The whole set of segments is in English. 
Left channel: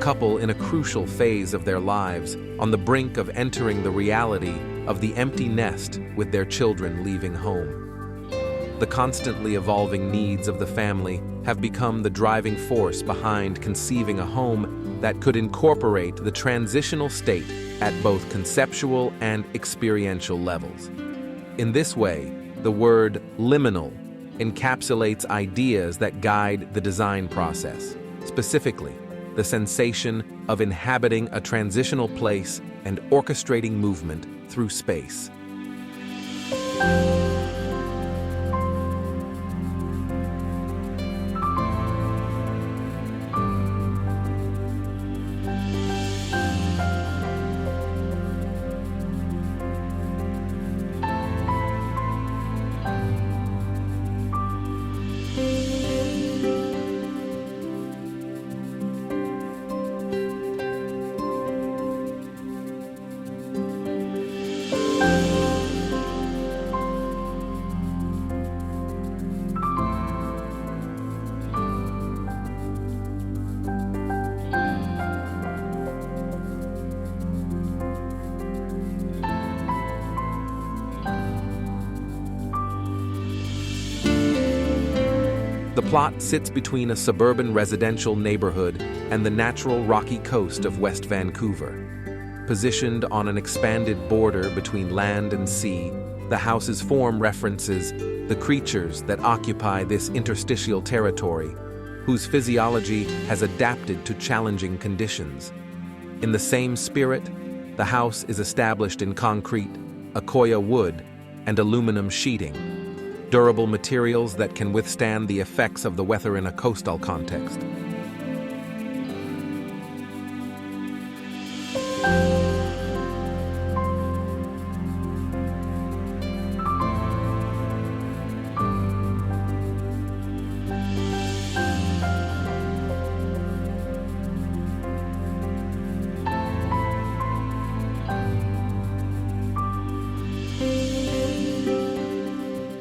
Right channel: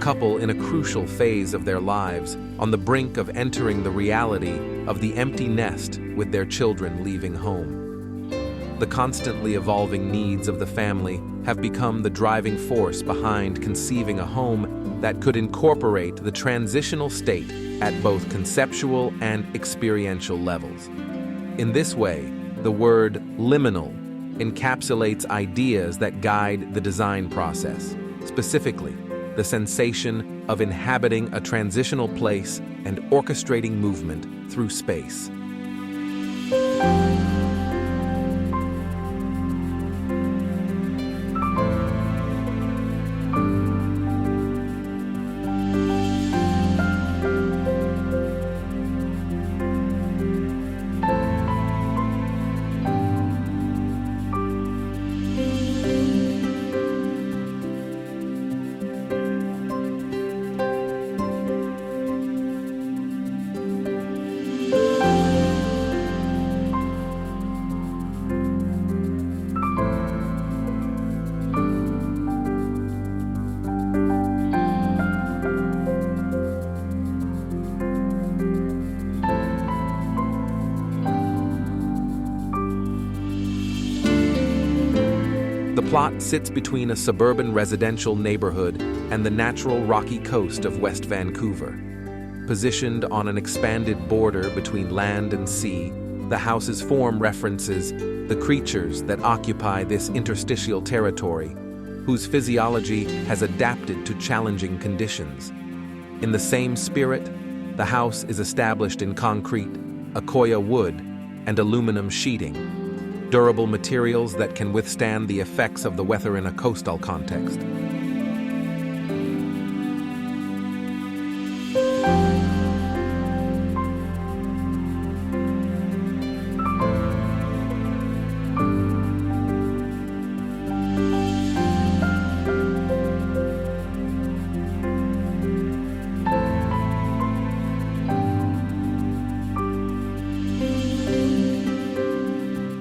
couple in a crucial phase of their lives, on the brink of entering the reality of the empty nest with their children leaving home. The constantly evolving needs of the family have become the driving force behind conceiving a home that could incorporate the transitional state at both conceptual and experiential levels. In this way, the word liminal encapsulates ideas that guide the design process, specifically the sensation of inhabiting a transitional place and orchestrating movement through space. The plot sits between a suburban residential neighborhood and the natural rocky coast of West Vancouver. Positioned on an expanded border between land and sea, the house's form references the creatures that occupy this interstitial territory, whose physiology has adapted to challenging conditions. In the same spirit, the house is established in concrete, Accoya wood, and aluminum sheeting, durable materials that can withstand the effects of the weather in a coastal context.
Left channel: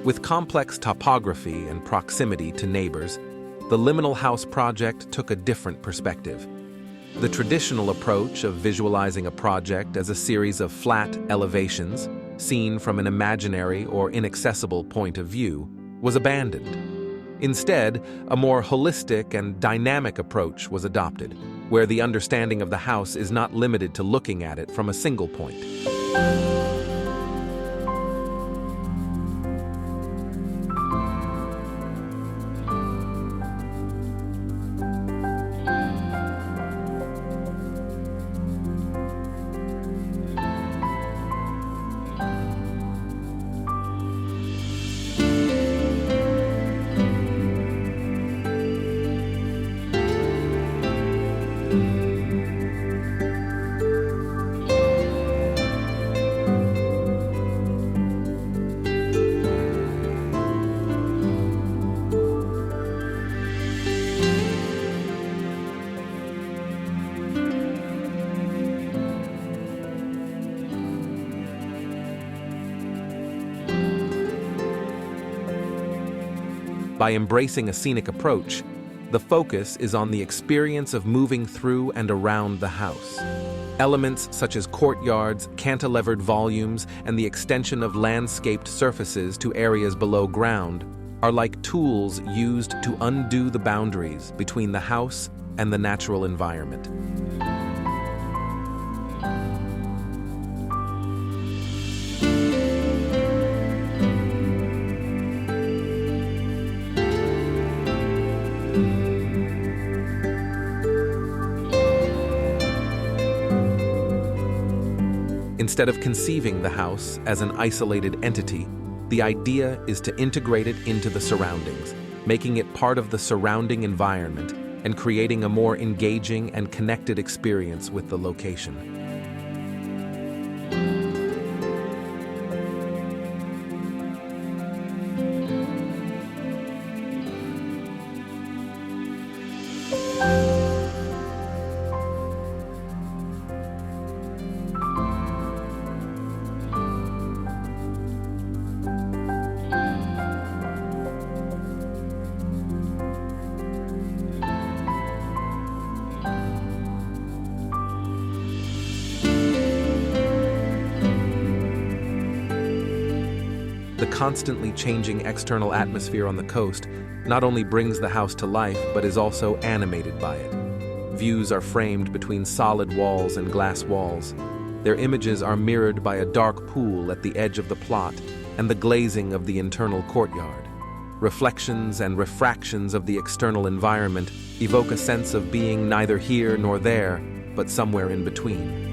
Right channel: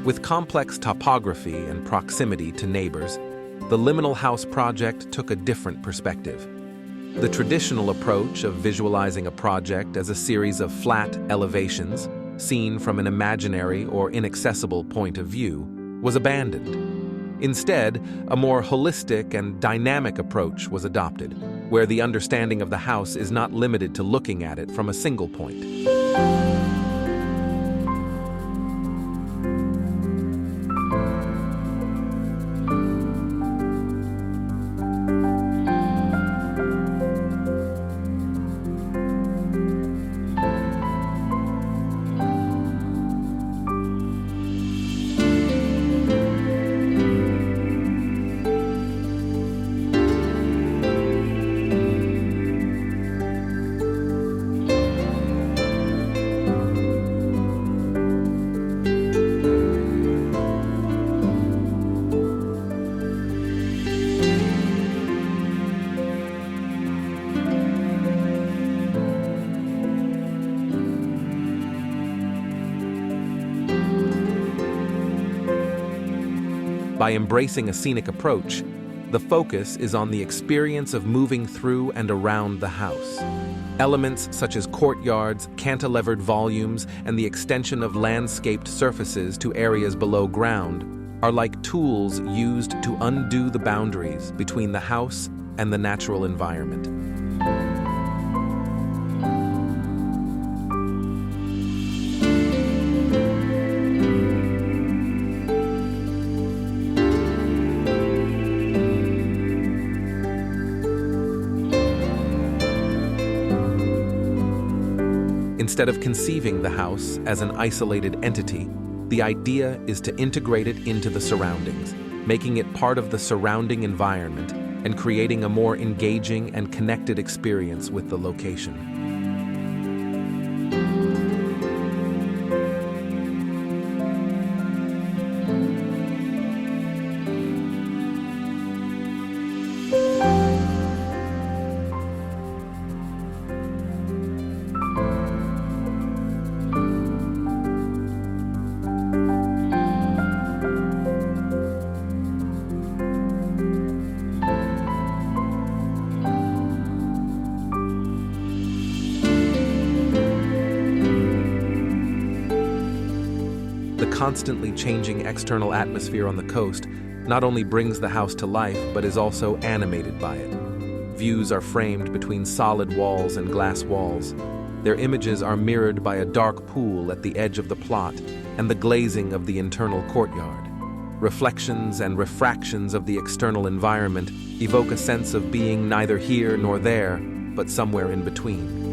With complex topography and proximity to neighbors, the Liminal House project took a different perspective. The traditional approach of visualizing a project as a series of flat elevations, seen from an imaginary or inaccessible point of view, was abandoned. Instead, a more holistic and dynamic approach was adopted, where the understanding of the house is not limited to looking at it from a single point. By embracing a scenic approach, the focus is on the experience of moving through and around the house. Elements such as courtyards, cantilevered volumes, and the extension of landscaped surfaces to areas below ground are like tools used to undo the boundaries between the house and the natural environment. Instead of conceiving the house as an isolated entity, the idea is to integrate it into the surroundings, making it part of the surrounding environment and creating a more engaging and connected experience with the location. The constantly changing external atmosphere on the coast not only brings the house to life, but is also animated by it. Views are framed between solid walls and glass walls. Their images are mirrored by a dark pool at the edge of the plot and the glazing of the internal courtyard. Reflections and refractions of the external environment evoke a sense of being neither here nor there, but somewhere in between.